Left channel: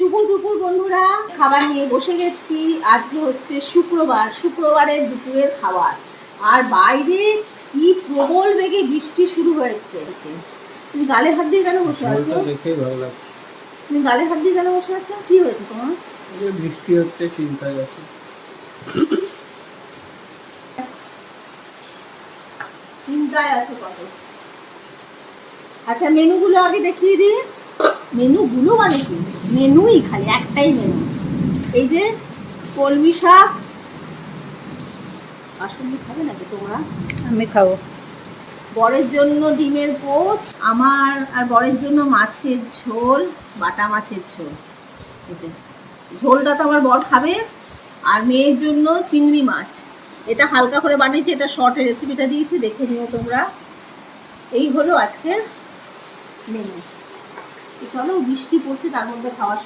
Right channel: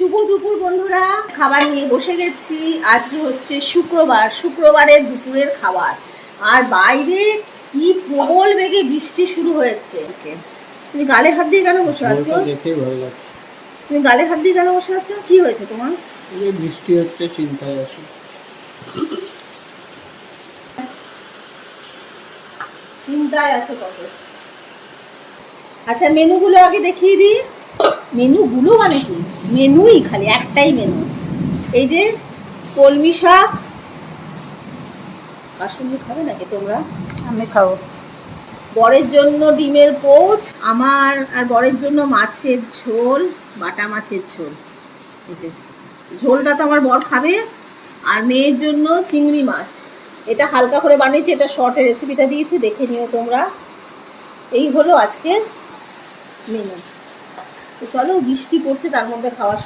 শুভ দুপুর বন্ধুরা, খাবার নিয়ে বসে গেছি। আজকে হচ্ছে শুক্রবার, শুক্রবারের দুপুরের খাবার। আর বাইরে কি প্রবল বেগে বৃষ্টি শুরু হয়েছে। তুমি গালে হাত দিয়ে কেন বসে আছো? দেখেই ভালো লাগছে। তুমি গালে হাত দিয়ে কেন বসে আছো? কি হয়েছে তোমার? এই যে বৃষ্টি হচ্ছে, চিন্তায় আছি। চিন্তায় আছো কত? আচ্ছা, মেনুগুলো আগে দেখিয়ে দিই। মেনুগুলো মানে কি? মেনুই খালি একটাই মেনু। এই যে কলমি শাক। কাসুন্দি খাবে নাকি তোমরা? আমি খাবো। বরের জন্য ডিমের পোচ, আমার আর বরের জন্য মাছের ঝোল, বাটা মাছের ঝোল। এই যে ঝোলটা তো আমার বর খাবে। আর মেয়ের জন্য চিংড়ি মাছ। এটা হালকা করে বানিয়েছি, এটা শর্টে রেসিপিটা দিয়েছি, দেখে নিও তোমরা। এই হলো আজকের মেনু। তো চলো, বৃষ্টি পড়ছে, তার মধ্যে খাওয়া